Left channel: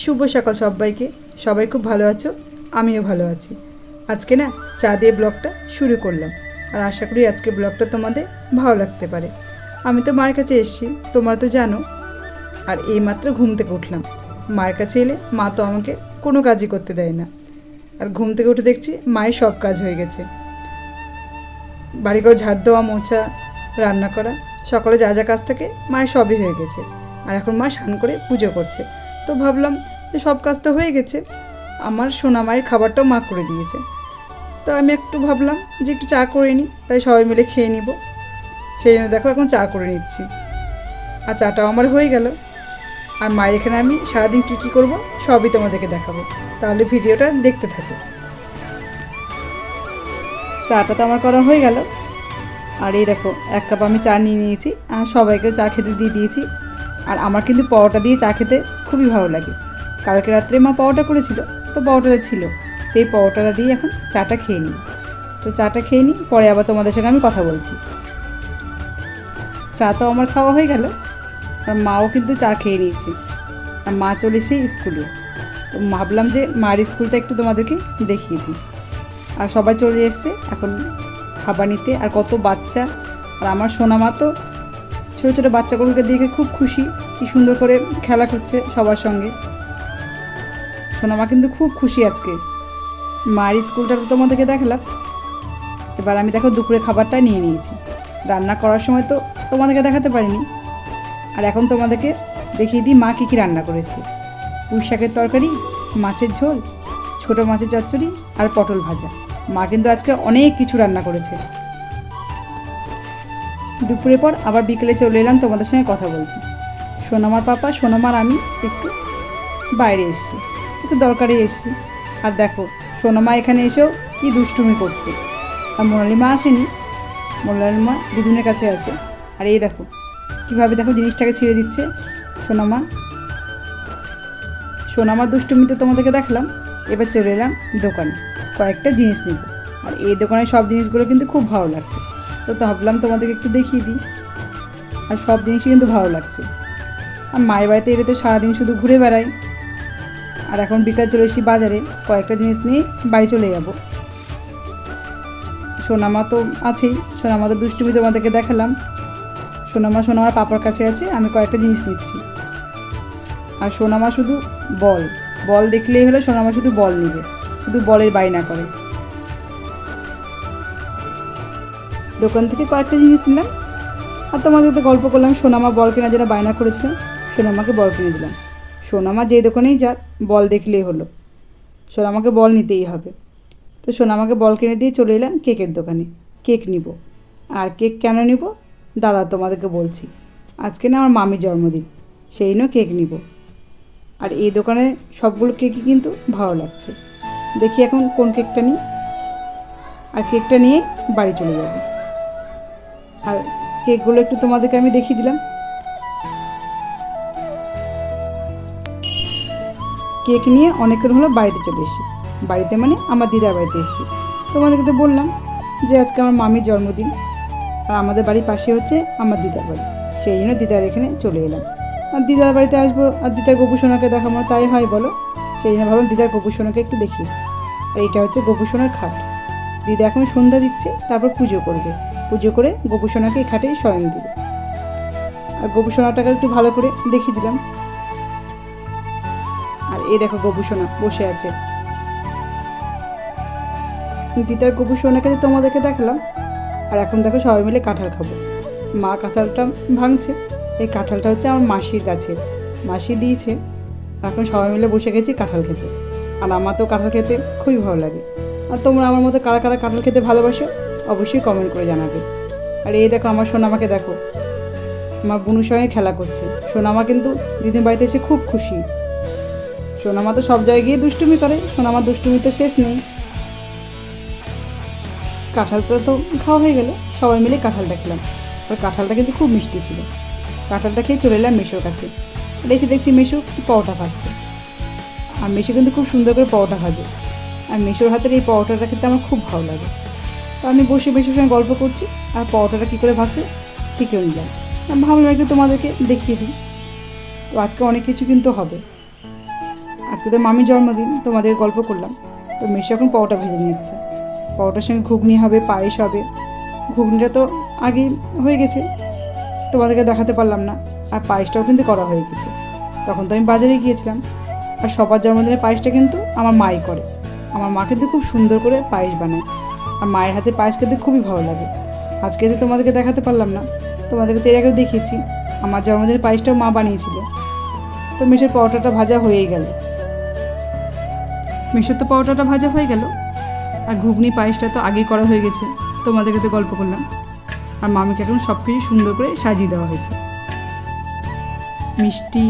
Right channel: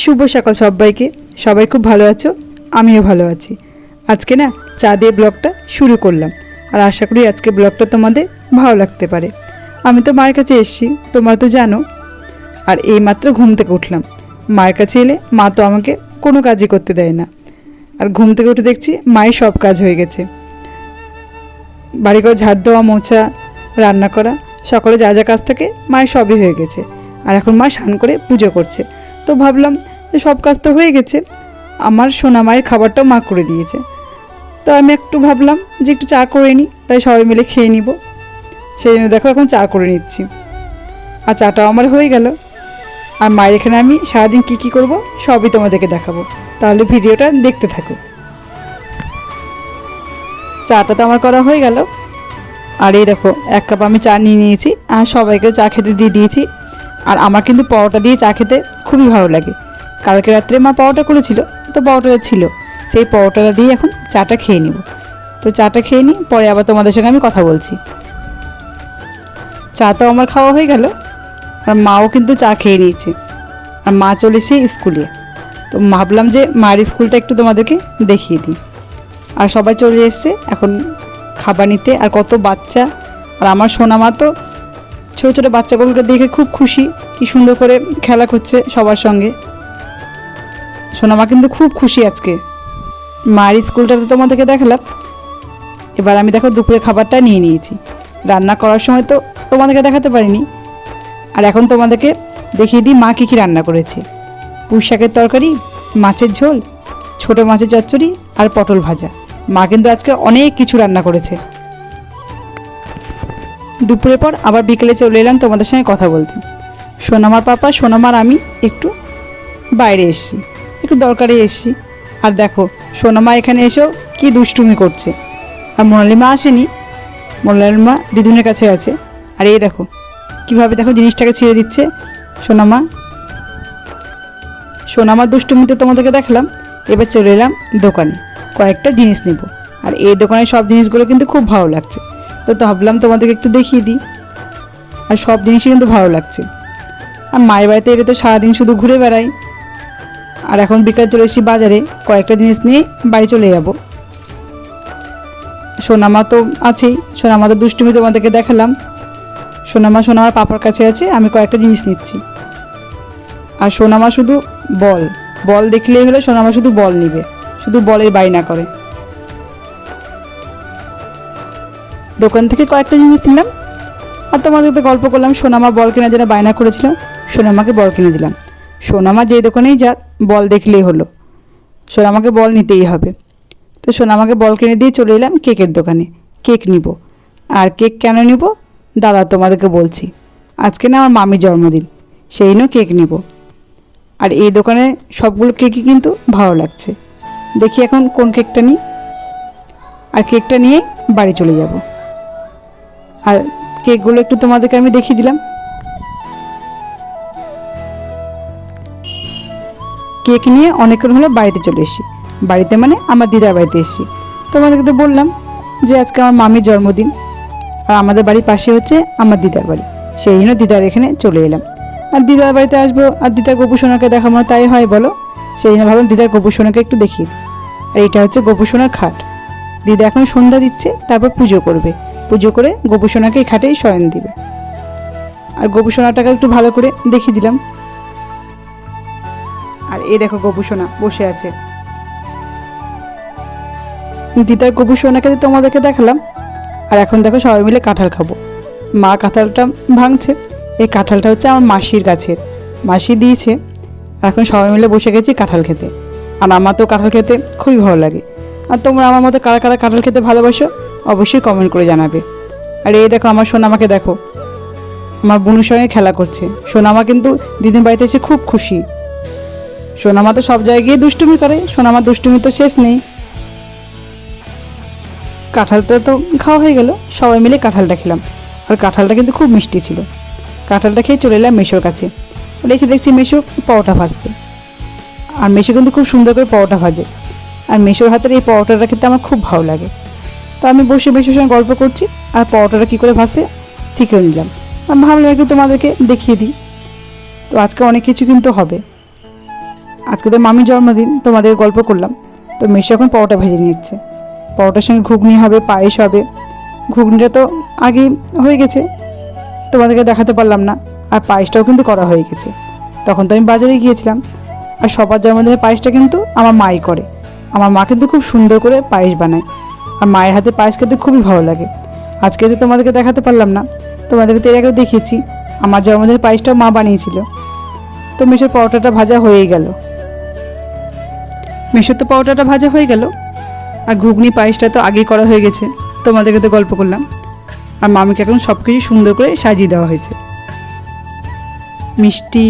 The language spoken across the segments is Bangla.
শুভ সকাল সবাইকে। সবাই খুব ভালো আছো, আমিও ভালো আছি। আজকে না চা দিয়ে ব্লগটা শুরু করলাম, আর আশা করি আজকে ব্লগটা তোমাদের ভালো লাগতে পারে। আমি তো মায়ের কাছে এসেছি, তোমরা তো জানো। আর এইমাত্র ঘুম থেকে উঠলাম। মায়ের কাছে এলে মা তো আমাকে কোনো কাজই করতে দেয় না। আর ঘুম থেকে উঠে দেখছি মায়ের সব কাজ হয়ে গেছে। বাড়িঘর ঝাড় দেওয়া, মোছা, রান্না করা, সকালে যা যা কাজ থাকে মায়ের সবই হয়ে গেছে। আর এখন মা স্নান করে পুজো করছে। তো ভাবলাম যে সব কাজ তো হয়ে গেছে, আমার সোনা মায়ের খাবারটাও মা করে দিয়েছে। তো আমি একটু ভাবলাম যে একটু চা করে নিই, তাই সবাই মিলে খেয়ে নিব। সেই জন্য দেখো এখন চা করে নিচ্ছি। আর চাটাও আমার হয়ে গেল। আর মায়ের এখানে আমি সারাদিন কী কী করবো সবই তোমাদেরকে দেখাবো, তাহলে ভিডিওটা দেখতে থাকো। চাটা তো আমার করা হয়ে গেল। আর এই দেখো 1 কাপ আমি চা নিয়ে নিয়েছি, আর সবাইকেও চা খেতে দিয়ে দিয়েছি। আর আমার কিন্তু পরোটা দিয়ে চা খেতে খুবই ভালো লাগে। কালকে রাত্রে মা পরোটা করেছিল, তো পরোটাটা ছিল, সেই পরোটাটা দিয়ে এখন চাটা খেয়ে নিব। তো চাটা খেয়ে নিই, পরে আবার তোমাদের সঙ্গে আমি কথা বলছি। চা তো আমার খাওয়া হয়ে গেল, আর মাও কিন্তু চা খেয়ে নিয়েছে। আর মা চলে এসে স্কুলে। তো ভাবলাম যে মায়ের স্কুলটা একটু তোমাদেরকে দেখিয়ে দিই। আর সবাই চলে এসছে এখন খাবার নিতে। আর কত বাচ্চা! আর আমার সোনা মা তো ছোটো ছোটো বাচ্চাগুলোকে দেখে খুব খুশি, কি সুন্দর করে খেলা করছে সবার সঙ্গে। সোনামা কিন্তু খুব খুশি আজকে। মায়ের স্কুলটা তো তোমাদেরকে দেখালাম। এবার আমি দেখো দুপুরে খাবারটা নিয়ে নিয়েছি। রান্না করার সময় তো তোমাদেরকে দেখাতে পারিনি। আর এখন তোমাদেরকে দেখিয়ে দিই মা কী কী রান্না করেছে। পুঁই শাকের তরকারি, মাছের ঝোল, ছোটো মাছের চচ্চড়ি আর পটল ভাজা। মা কিন্তু আজকে অনেক কিছু রান্না করেছে। দুপুরের পর আবার বিকেলে চলে এলাম তোমাদের সঙ্গে কথা বলতে। সোনামার পাপা, সোনামার আমি একটু বাইরে এসেছি, একটু দরকারে এসেছি। আর দেখো সোনামা এখানে এসেও কি দুষ্টুমি করছে। আর মোনালিমা আসেনি, মোনালিমা দিদুনের কাছে আছে। আর এই দেখো কীভাবে দেখো জিনিসটাকে ছেড়ে দিচ্ছে সোনামা। সোনামার দুষ্টুমিতে তোমাদেরকে দেখালাম। এবার চলে এলাম দোকানে, কয়েকটা জিনিস নেব। আর এই দোকানের সব জিনিসগুলো কিন্তু খুব ভালো লাগছে, তো ভাবলাম তোমাদেরকে একটু দেখিয়ে দিই। আর সব জিনিসই কিন্তু ভালো লাগছে। আর মায়ের বাড়িতে এলে তো সারাদিন শুধু ঘুরে বেড়াই। আর এখন বিকাল চলে এসেছি বাজারে, কয়েকটা জিনিস নিয়ে বাড়ি চলে যাব। সোনামা তো আছেই, সোনামা তো দুষ্টুমি তোমাদেরকে দেখালাম। সোনামার পাপার কাছে আছে, আমি কয়েকটা জিনিস নিচ্ছি। আর সোনামা শুধু বল বল দেখলেই হলো, সোনামা শুধু বল নিবে, শুধু বলের বায়না করে। দোকান থেকে কয়েকটা জিনিস নিলাম। আর তোমাদের তো গল্প করলাম, সোনামা বল কেনার জন্য বায়না করেছিল, সোনামাকে বল কিনে দিলাম। সোনামা যে দোকানেই যাক বল দেখলেই হলো, সোনামাকে বল নিতেই হবে। তো সোনামাকে বল কিনে দিয়ে চলে এলাম কেকের দোকানে, কেক নিব। আর কেক কেন নিব দাদা তোমাদেরকে বলছি। আজকে না আমার মামির জন্মদিন, সেই জন্য কেক নিব। আর এই দোকানে সবগুলো কেকই কিন্তু ভালো লাগছে। দেখি এখন কোন কেকটা নিই। আর কেকটা নিয়ে বাড়ি চলে যাব। আর কেকগুলো একটু তোমাদেরকে আমি দেখিয়ে দিলাম। কেক নিয়ে অনেকক্ষণ হলো বাড়িতে চলে এসেছি। বাড়িতে মানে আমার দিদার বাড়িতে এসেছি। তোমাদেরকে তো বললাম যে আজকে আমার মামির জন্মদিন। আর আমাদের বাড়ির পাশে হচ্ছে আমার দিদার বাড়ি, সেই জন্য দিদার এখানে চলে এলাম। আর দিদার বাড়িতে আসবো, আর দিদার গোপুসোনাকে দেখাবো, তাই হয় বলো। সেই জন্য ভাবলাম দিদার গোপুসোনাকে একটু দেখি। আর এটা হচ্ছে গোপুসোনার খাট। দিদা এখন সন্ধ্যা দিচ্ছে, তারপর পুজো করবে। পুজো করে গোপুসোনাকে এই খাটেই শয়ন দিবে। আর গোপুসোনাটাকে একটু ভালো করে দেখিয়ে দিলাম। আর এই দেখো গোপুসোনা বসে আছে। দিদার গোপুসোনাকে তোমাদেরকে দেখালাম। আর এখন দেখো সবাই মিলে কাঁঠাল খাবো। মা কাঁঠালটা ভাঙছে। এই কাঁঠালটা হচ্ছে আমার মাসির গাছের, মাসি দিয়েছে। এখন সবাই মিলে বসে গেছি কাঁঠাল খেতে। আর আমার তো কাঁঠাল খেতে খুবই ভালো লাগে। আর তোমরা আমার মতো কারা কারা কাঁঠাল খেতে ভালোবাসো অবশ্যই কমেন্ট করে জানাবে। আর এই দেখো আমার সোনামাকে দেখো, আমার বোনের সঙ্গে খেলা করছে। সোনামা কিন্তু দিদির বাড়িতে এসে খুব খুশি। সোনামা তো সব জায়গায় গিয়ে দুষ্টুমি করে, সোনামার দুষ্টুমি তো শেষ নেই। কাঁঠালটা তো খাওয়া হয়ে গেল, সবাই মিলে কাঁঠালটা খেলাম। আর কাঁঠালটা কিন্তু খুব মিষ্টি ছিল। কাঁঠালটা খেয়ে চলে এলাম মেশোর কাছে। আর এসে দেখছি মেশো পরোটা ভাজছে। আর মেশো কিন্তু খুব সুন্দর করে পরোটা ভাজে। আর মেশোর হাতের এই পরোটাটা খেতে আমার খুব ভালো লাগে। তো আমি বসে মেশোর সঙ্গে গল্প করছি, আর পরোটাটা কী করে ভাজে শিখেও নিলাম। আমি ভাবলাম একটু তোমাদেরকে দেখিয়ে দিই। তো আজকে অনেক কিছু কিন্তু হবে। আজকে তো মামির জন্মদিন, তোমাদের গল্প করলাম। তো মেশো এখন পরোটা ভেজে নিচ্ছে। পরোটার সঙ্গে ঘুগনি হবে, পায়েস হবে। ঘুগনিটা তো আগেই হয়ে গেছে, তোমাদেরকে দেখাতে পারলাম না। আর পায়েসটাও কিন্তু করা হয়ে গেছে। তখন তো আমি বাজারে গিয়েছিলাম। আর সবার জন্মদিনের পায়েসটা কিন্তু আমার মাই করে। আমার মা কিন্তু খুব সুন্দর করে পায়েস বানায়। আর মায়ের হাতে পায়েস খেতে খুবই ভালো লাগে। আজকে তো তোমাদেরকে দেখাতে পারলাম না, তোমাদেরকে তো এর আগেও দেখিয়েছি। আমার জন্মদিনের পায়েসটাও মা বানিয়েছিল। তো মেশোর পরোটাটা ভাজা হয়েই গেল। মেশোর তো পরোটাটা ভাজা হয়ে গেল। আর ঘুগনি পায়েসটা তো আগেই করা হয়ে গেছে, তোমাদেরকে তো গল্প করলাম। আর মামিকে এখন সব কিছু সুন্দর করে সাজিয়ে দেওয়া হয়েছে। মিষ্টি,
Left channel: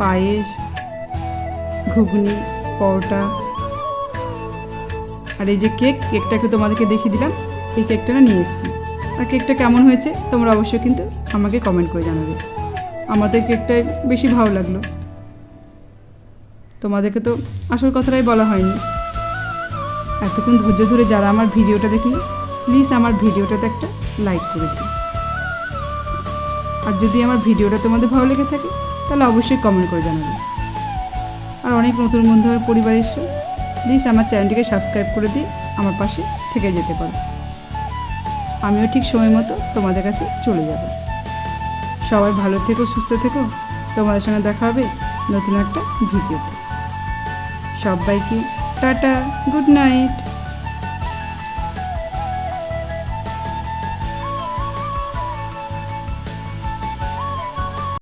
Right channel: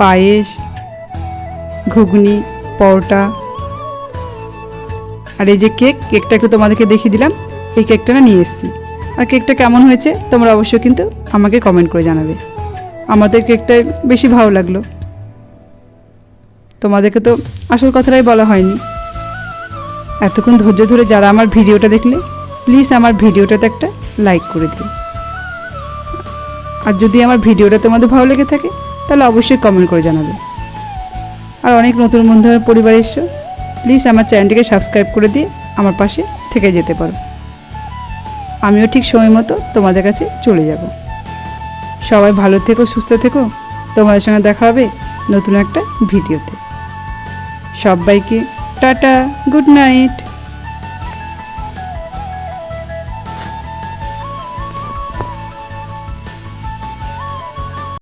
পায়েস, ঘুগনি, পরোটা, আর এই যে কেকটাকে তোমাদেরকে দেখিয়ে দিলাম। এই কেকটা না নিয়ে এসেছি। আর কেকটা কেমন হয়েছে তোমরা অবশ্যই কিন্তু আমাকে কমেন্ট করে জানাবে। আমাদের কেকটা বেশি ভালো লাগলো। তোমাদেরকে তো আসল কথাটাই বলা হয়নি। এতক্ষণ ধৈর্য ধরে যারা আমার ভিডিওটা দেখলে, প্লিজ আমার ভিডিওটাতে একটা লাইক করে দিও। আর যদি আমার ভিডিওটা তোমাদের ভালো লেগে থাকে তাহলে অবশ্যই কমেন্ট করে জানাবে। আর অনেক নতুন বন্ধু আমার পরিবার এসছো, প্লিজ আমার চ্যানেলটিকে সাবস্ক্রাইব করে দিয়ে আমার পাশে থেকে যেতে পারো। আমিও ঠিক সময় মতো তোমাদের কাছে চলে যাব। সবাই ভালো থেকো, সুস্থ থেকো। তোমাদের সঙ্গে দেখা হবে নতুন একটা ভিডিওতে। সবাইকে টাটা, গুড নাইট।